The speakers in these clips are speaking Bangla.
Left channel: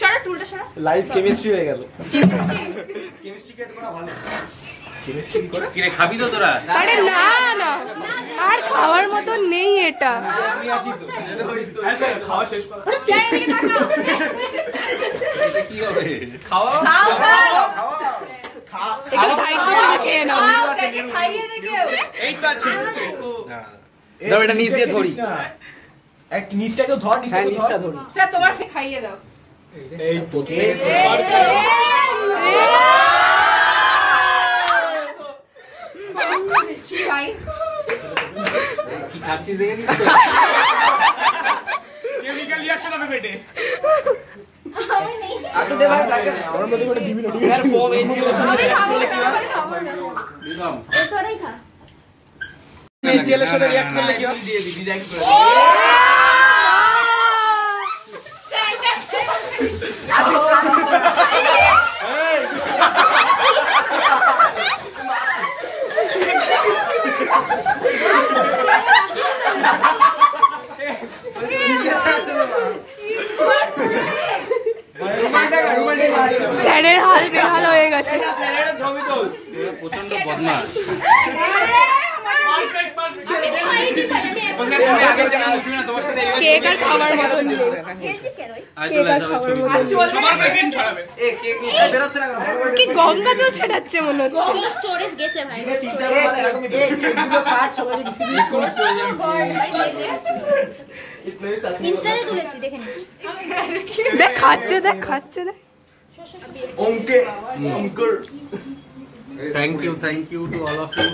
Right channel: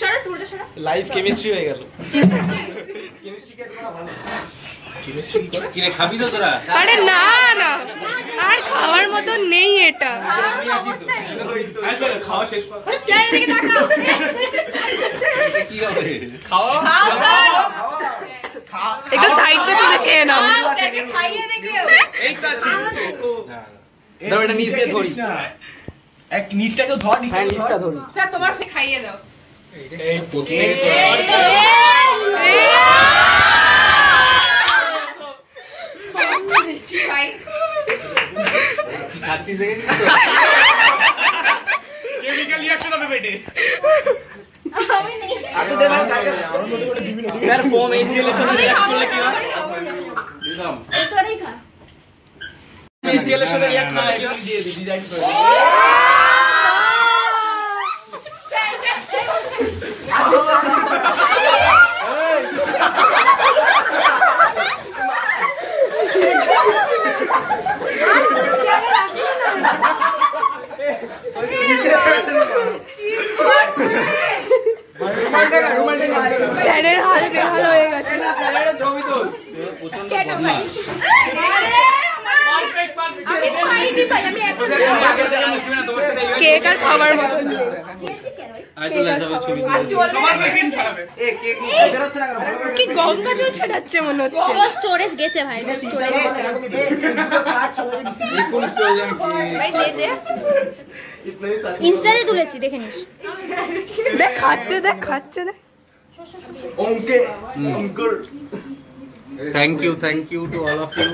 সরো টুলটা সরো। লাইভ কেমিস্ট্রি হয়ে গেল। কেমিস্ট্রি কে তোরা ভালো কেমিস্ট্রি করে কি রে খাবি তো তোরা? আরে না না আর খাওয়ার মতো নেই এটা। আমি আছি তো আচ্ছা খাওয়া শেষ কর। যাই এদিকে তাকাও। এটা কি হবে? খাওয়া খাও একটু সাইড থেকে খেয়ে নাও। স্যারকে খাইয়ে দেখো। এই তো আছে না ধর এটা নিচ দিয়ে ধরি এক নিচটাকে ধর নিচটা ধরি স্যার তোমার ফে খাইয়ে দাও। এই প্রথমে ভাই কি খাচ্ছিস দেখে দিস তো কেমিক্যাল রিঅ্যাকশন হবে পেটে আমি নেই। আগে দে ভাই স্যার ফোম ইনসুলেশন রিঅ্যাক্ট করলে কি হয়? দিলাম এতটাই খা। ইনসুলেশন রিঅ্যাক্ট করলে কি হয়? দিয়ে দি ডিজাইন করে স্যারের হাল বেহাল হয়ে গেছে। প্রচন্ড বদমাশ কেক আর খাবার মতো কি গঙ্গা জল ছেড়াচ্ছে মনে হচ্ছে। স্টোরেজ গেছে ভাই ইনস্টাতে তুলেছি দেখে নিস দেখ খাচ্ছে দেখ খাচ্ছে দেখ। Thank you to all of you.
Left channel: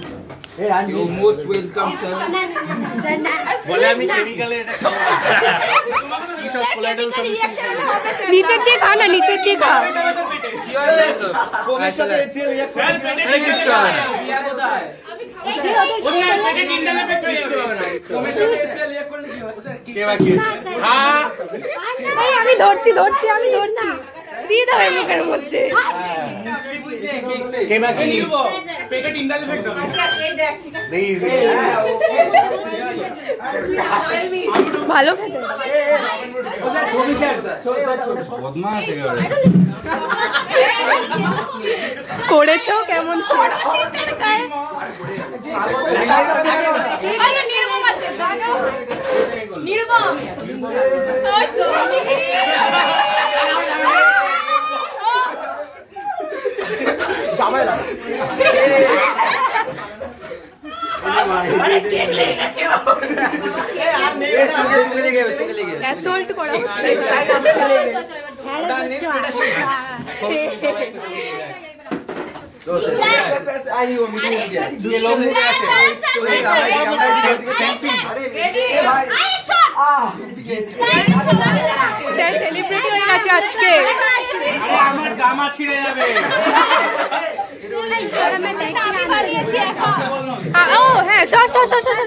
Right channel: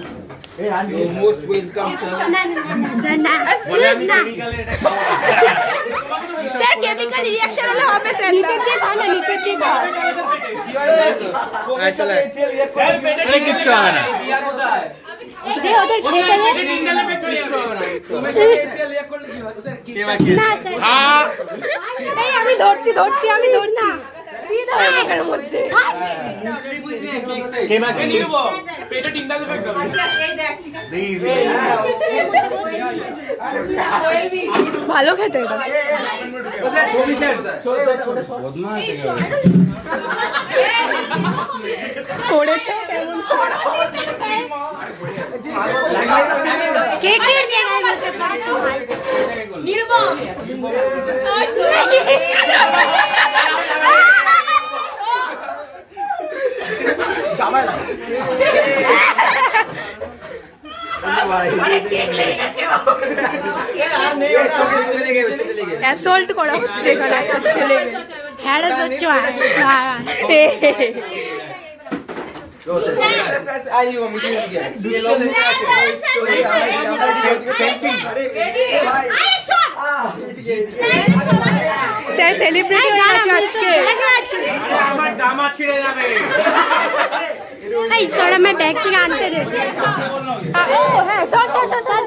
You most welcome sir. Sir না বলে আমি কেমিক্যালে স্যার কেমিক্যাল রিঅ্যাকশন হলে হবে স্যার নিচের দিয়ে খা না নিচের দিয়ে খা। এটা কিচ্ছু হবে না এদের ওদের কে বাকি হ্যাঁ এই আমি ধরছি আমি ধরছি দিয়ে দাও এর মধ্যে। কে বাকি পেটে টিন্ডাল ফেট দাও। এই দেখ ঠিক আছে। ভালো খেতে এটা। বদমাশ করেছো কেমন কে কে নির্মম আছে দাঁড়াও। নির্মম। জামাই লাগে অ্যাসল্ট করা হচ্ছে ছেলেকে। হ্যারাস হচ্ছে স্যার সেলিব্রিটি হয়ে গেছে আজকে। আমার জামা ছিঁড়ে যাবে স্যার আমি ব্যাগ থেকে আনতে গেছি ও হ্যাঁ সর সর সর সর